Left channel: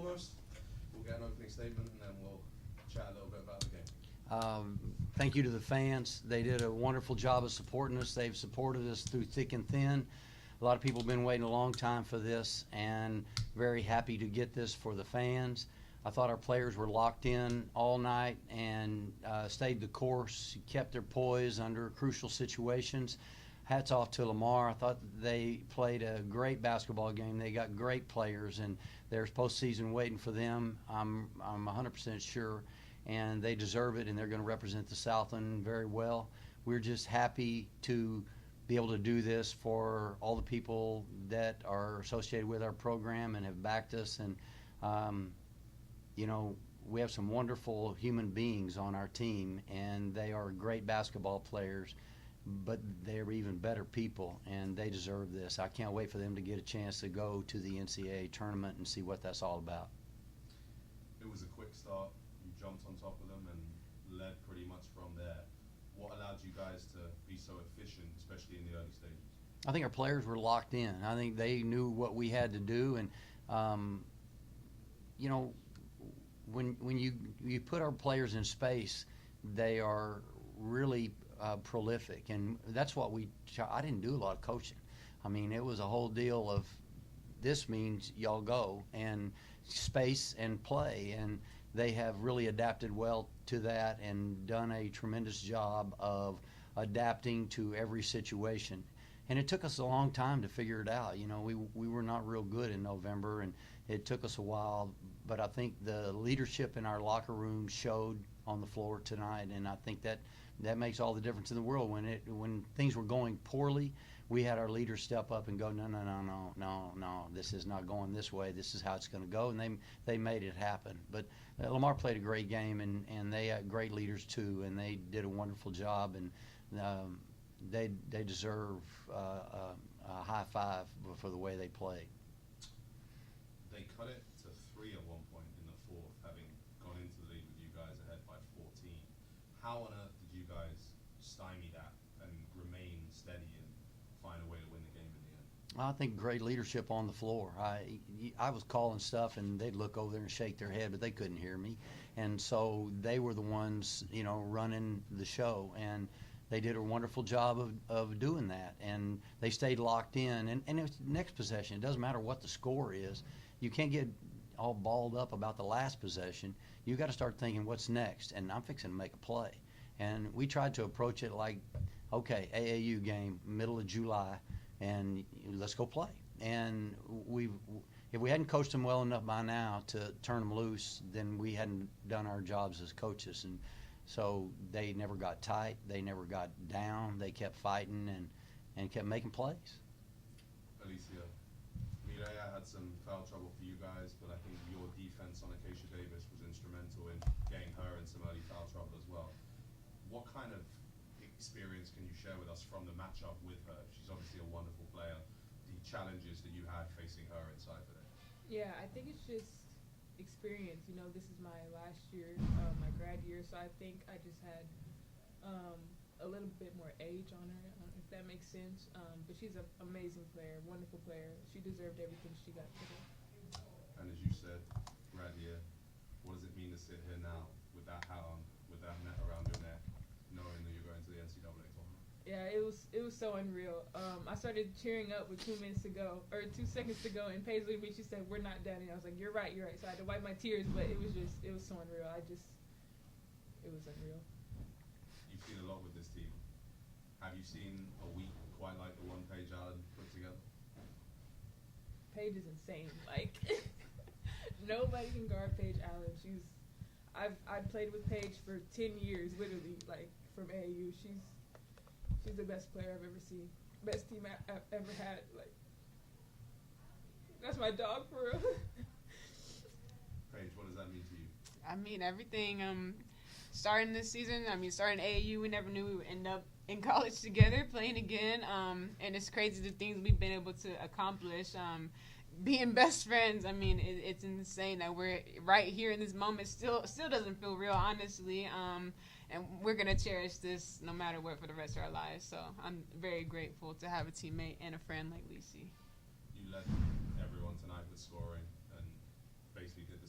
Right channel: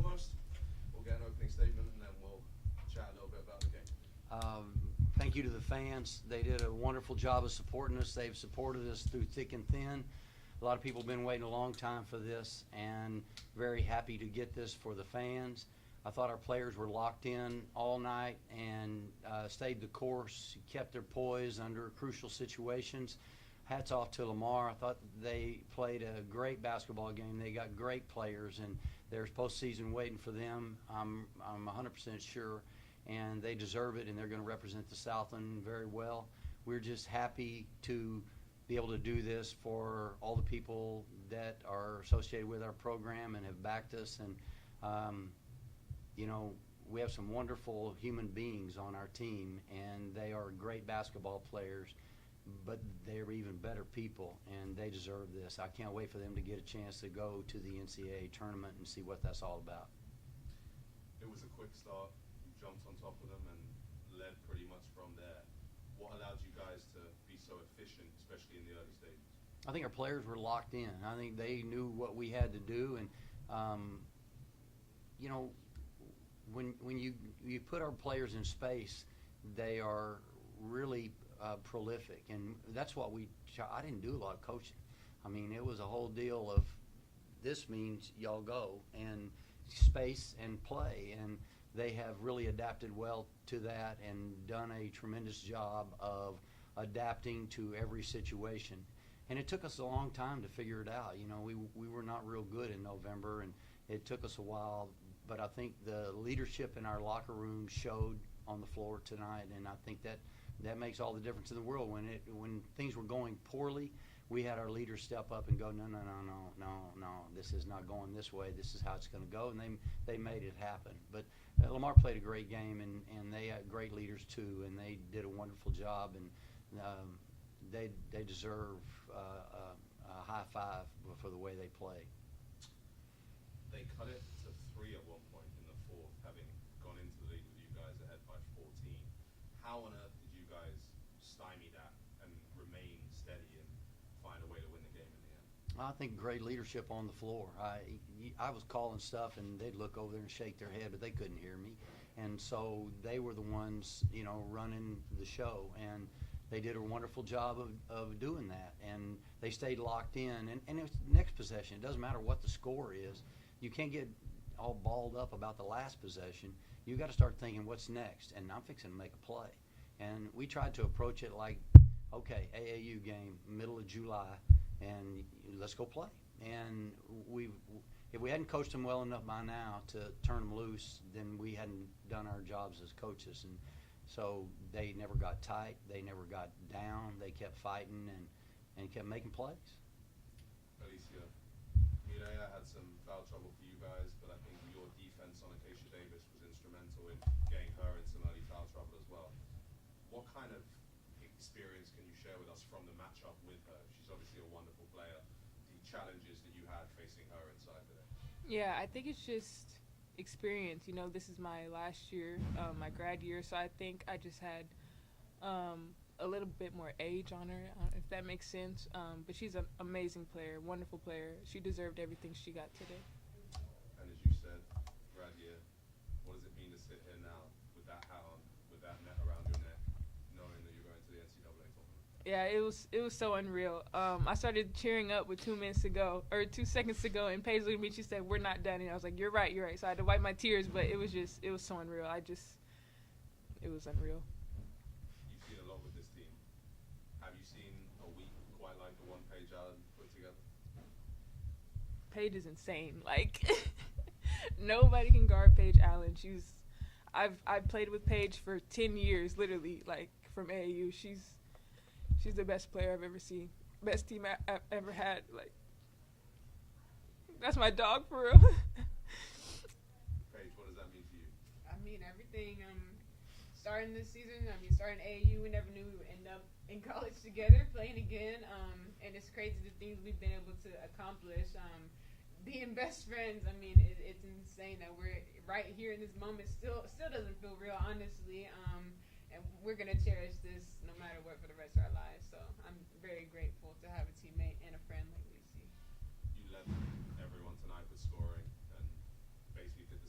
foremost, we'll get an opening statement and then we'll chat a little bit about the game. Thank you to the fans. They did a wonderful job of supporting us. They've supported us through thick and thin. A lot of people have been waiting a long time for this, and very happy to get this for the fans. I thought our players were locked in all night and stayed the course, kept their poise under crucial situations. Hats off to Lamar. I thought they played a great basketball game. They got great players, and there's postseason waiting for them. I'm 100% sure, and they deserve it, and they're going to represent the Southland very well. We're just happy to be able to do this for all the people that are associated with our program and have backed us. And you know, we have some wonderful human beings on our team, and they are great basketball players, but they're even better people, and they deserve this. I can't wait for them to get a chance to go to the NCAA tournament and see what that's all about. It was a quick start. You jumped on top of them and led pretty much from there. What allowed you guys to be so efficient, especially in the early stages? I think our players were locked in. I think they knew what we had to do, and you know, when you put our players in space, they are really prolific, and that's what I didn't do a lot of coaching. I mean, it was a whole deal of this means y'all go, and space and play, and they have really adapted well to that and done a tremendous job of adapting to every situation. And it took us a long time to figure it out. You know, we were not real good in November, and it took us a while, but I think the leadership in our locker room showed on the floor tonight, and I think that makes all the difference in the world. When things were going poorly, we had our leaders step up and go, no, this is not going this way. This is how it's going to go, and they made it happen. But Lamar played a great game, and they had great leaders too, and they did a wonderful job, and they deserve a high five for the way they played. They cut it to 3 at one point in the fourth, having gone into the lead with you guys ahead by 14. How on earth did you guys stymie that and remain steady and find a way to win the game in the end? I think great leadership on the floor. I was calling stuff, and they'd look over there and shake their head, but they couldn't hear me. And so they were the ones, you know, running the show, and they did a wonderful job of doing that. And they stayed locked in. And it was next possession. It doesn't matter what the score is. You can't get all balled up about the last possession. You got to start thinking, what's next? And I'm fixing to make a play. And we tried to approach it like, okay, AAU game, middle of July, and let's go play. And if we hadn't coached them well enough by now to turn them loose, then we hadn't done our jobs as coaches. And so they never got tight. They never got down. They kept fighting and kept making plays. Alicia, Mireya had some foul trouble for you guys, but I think your defense on Acacia Davis was instrumental in getting her in some early foul trouble as well. What kind of experience can you share with us from the matchup with her? She's obviously a wonderful player. The challenges that you had facing her inside today. Yeah, I think it's just experience. You know, this is my last year, my grad year, so I think I just had a little bit more age on her, if that makes sense. But she's an amazing player, wonderful player. She deserved everything she got today. And as you said, grad year, what does it mean to sit here now with that hat on, with that net around your neck, knowing that you're going to the NCAA tournament? Yeah, it was so unreal. I started cheering up with 2 minutes to go, or 2 seconds to go, and Paige looked at me. She said, "We're not done." And I was like, "You're right, you're right." So I had to wipe my tears, but it was so unreal. It was unreal. You've seen a lot with this team. Have you seen a week quite like the one Paige Allen put together? Paige is insane. Like, nobody can guard Paige Allen. I've played with Paige for 10 years, literally, like, from AAU. She's the best player I've ever seen. Best team I've ever had. Like, that's my dog, for real. Paige, what does that mean to you? I mean, everything. Starting this season, starting AAU, we never knew we would end up in college together, playing again. And it's crazy the things we've been able to accomplish. Being best friends, it's insane that we're right here in this moment. Still doesn't feel real, honestly. And we're going to cherish this no matter what for the rest of our lives. So I'm very grateful to have a teammate and a friend like Lisi. You led everyone tonight with scoring and basically did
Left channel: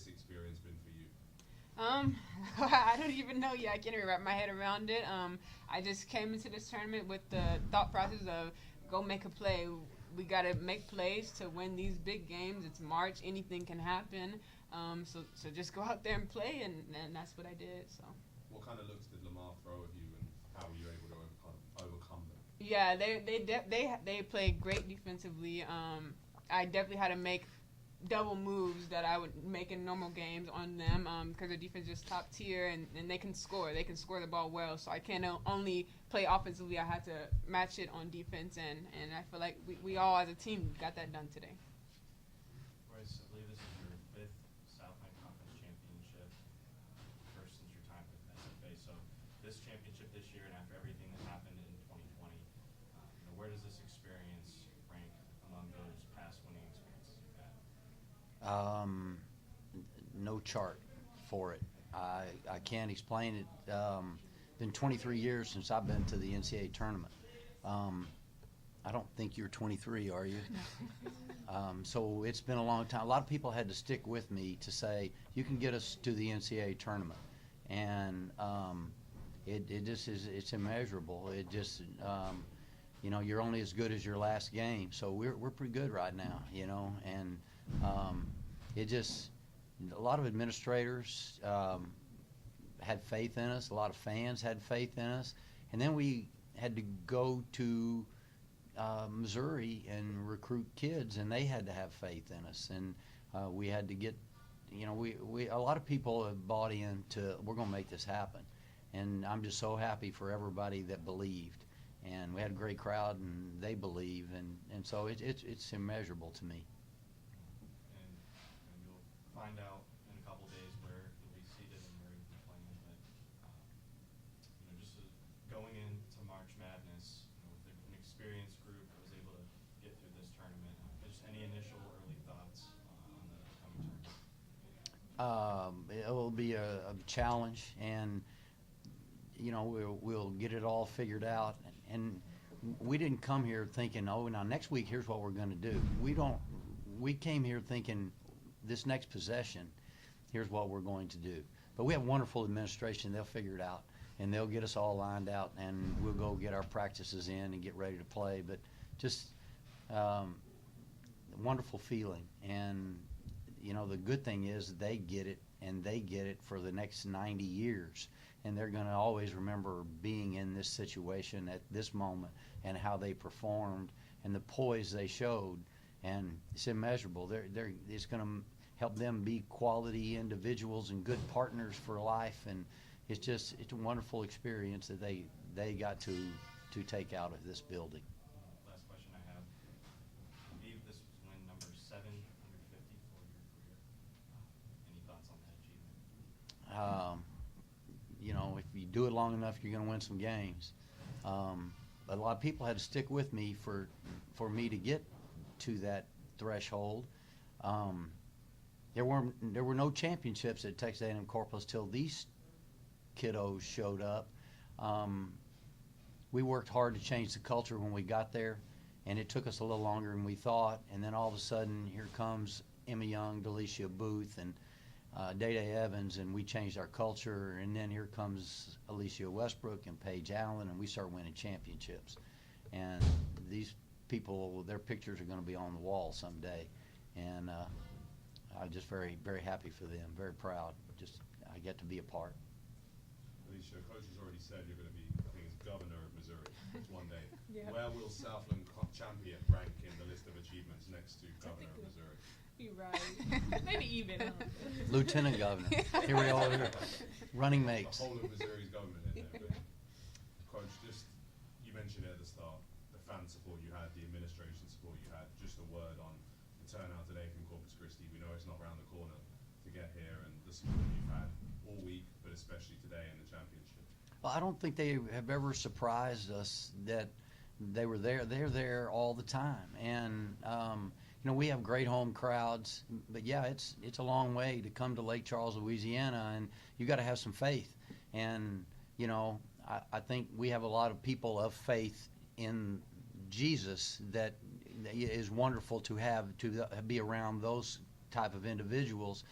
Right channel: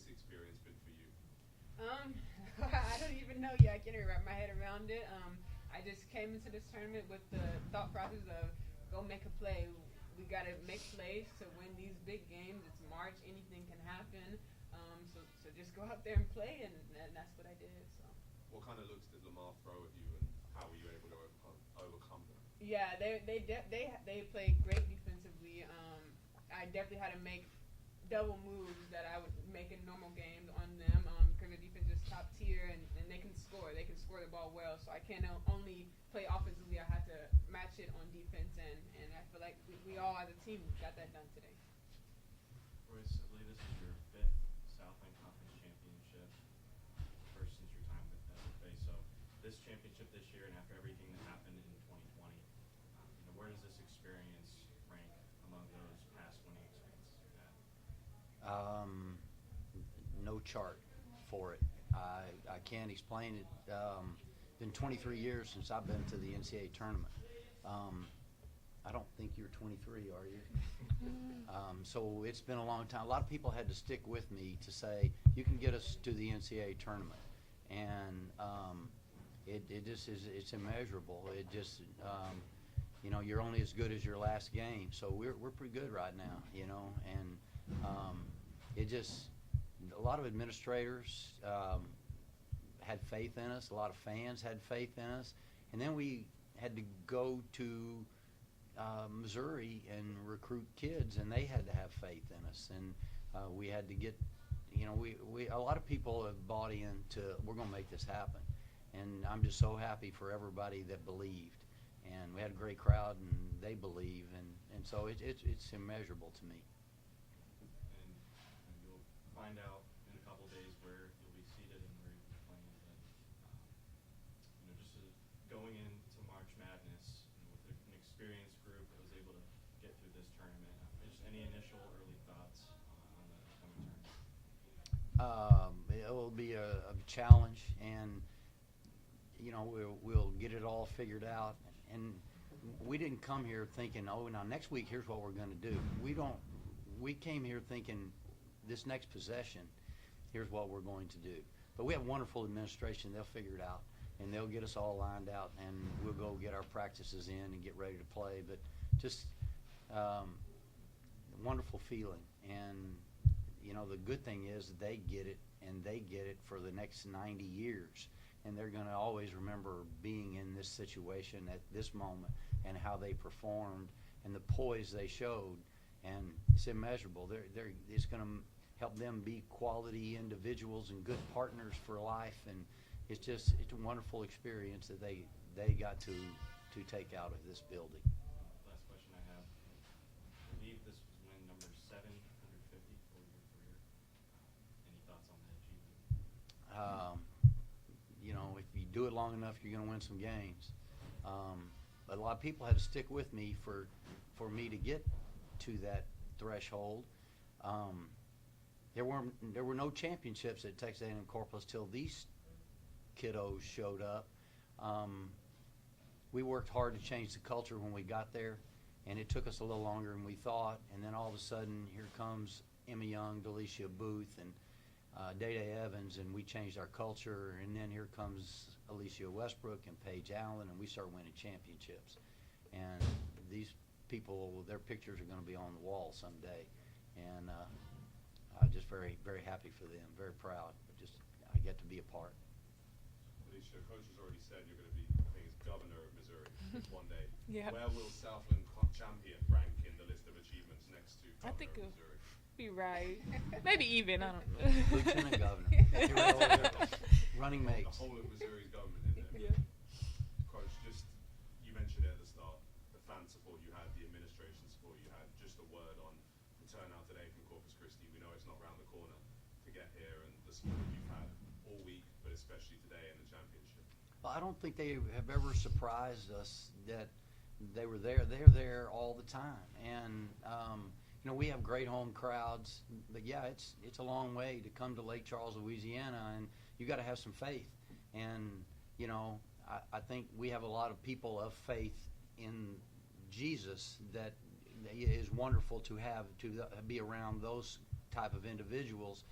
this experience been for you? I don't even know yet. I can't even wrap my head around it. I just came into this tournament with the thought process of go make a play. We got to make plays to win these big games. It's March. Anything can happen. So just go out there and play, and that's what I did. So. What kind of looks did Lamar throw at you, and how were you able to overcome them? Yeah, they played great defensively. I definitely had to make double moves that I would make in normal games on them because their defense is top tier and they can score. They can score the ball well. So I can't only play offensively. I had to match it on defense, and I feel like we all as a team got that done today. Royce, I believe this is your 5th Southland Conference championship, first since your time with FA. So this championship this year and after everything that happened in 2020, where does this experience rank among those past winning experiences you've had? No chart for it. I can't explain it. Been 23 years since I've been to the NCAA tournament. I don't think you're 23, are you? So it's been a long time. A lot of people had to stick with me to say, you can get us to the NCAA tournament. And it just is, it's immeasurable. It just, you're only as good as your last game. So we're pretty good right now, and it just, a lot of administrators had faith in us. A lot of fans had faith in us. And then we had to go to Missouri and recruit kids, and they had to have faith in us. And we had to get, a lot of people have bought into, we're going to make this happen. And I'm just so happy for everybody that believed. And we had a great crowd, and they believe. And so it's immeasurable to me. And you'll find out in a couple days where you'll be seated and where you'll be playing. But just going into March Madness with an experienced group that was able to get through this tournament, just any initial early thoughts on the upcoming tournament? It will be a challenge, and we'll get it all figured out. And we didn't come here thinking, oh, now next week here's what we're going to do. We came here thinking this next possession, here's what we're going to do. But we have wonderful administration. They'll figure it out, and they'll get us all lined out, and we'll go get our practices in and get ready to play. But just wonderful feeling. And, the good thing is they get it, and they get it for the next 90 years. And they're going to always remember being in this situation at this moment and how they performed and the poise they showed. And it's immeasurable. It's going to help them be quality individuals and good partners for life. And it's a wonderful experience that they got to take out of this building. Last question I have. I believe this was win number 750 for your career. Any thoughts on that achievement? If you do it long enough, you're going to win some games. But a lot of people had to stick with me for me to get to that threshold. There were no championships at Texas A&M-Corpus till these kiddos showed up. We worked hard to change the culture when we got there, and it took us a little longer than we thought. And then all of a sudden, here comes Emma Young, Delicia Booth, and Day-Day Evans, and we changed our culture. And then here comes Alicia Westbrook and Paige Allen, and we start winning championships. And these people, their pictures are going to be on the wall someday. And I'm just very, very happy for them, very proud. I get to be a part. Alicia, coach has already said you're going to be, I think it's governor of Missouri one day. Yeah. Where will Southland champion rank in the list of achievements next to I governor think of it'll Missouri? be right. Maybe even. I don't know. Lieutenant Governor. Here we go. Running mates. The whole of Missouri's government in there. Yeah. Coach, you mentioned it at the start, the fan support you had, the administration support you had, just a word on the turnout today from Corpus Christi. We know it's not around the corner to get here, and the support you've had all week, but especially today in the championship. Well, I don't think they have ever surprised us that they were there. They're there all the time. And, we have great home crowds, but yeah, it's a long way to come to Lake Charles, Louisiana, and you got to have some faith. And, I think we have a lot of people of faith in Jesus that is wonderful to have, to be around those type of individuals.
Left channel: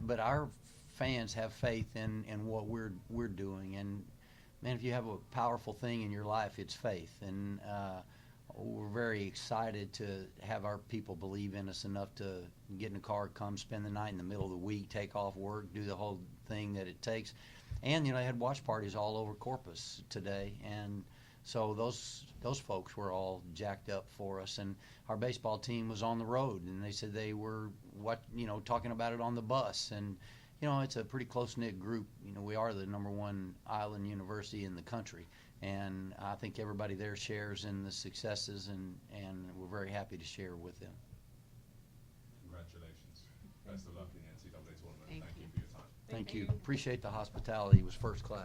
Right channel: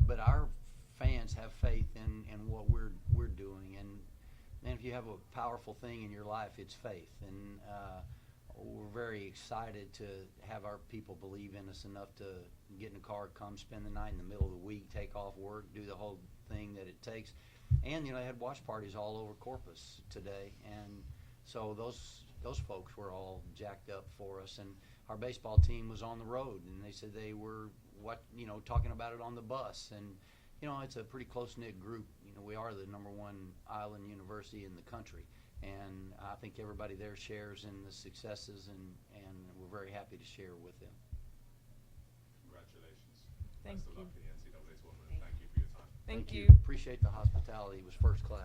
but our fans have faith in what we're doing. And man, if you have a powerful thing in your life, it's faith. And we're very excited to have our people believe in us enough to get in a car, come spend the night in the middle of the week, take off work, do the whole thing that it takes. And they had watch parties all over Corpus today, and so those folks were all jacked up for us. And our baseball team was on the road, and they said they were talking about it on the bus. And it's a pretty close-knit group. We are the #1 island university in the country, and I think everybody there shares in the successes, and we're very happy to share with them. Congratulations. Thank Best of you. luck in the NCAA tournament. Thank Thank you. you for your time. Thank you. you. Appreciate the hospitality. It was first class.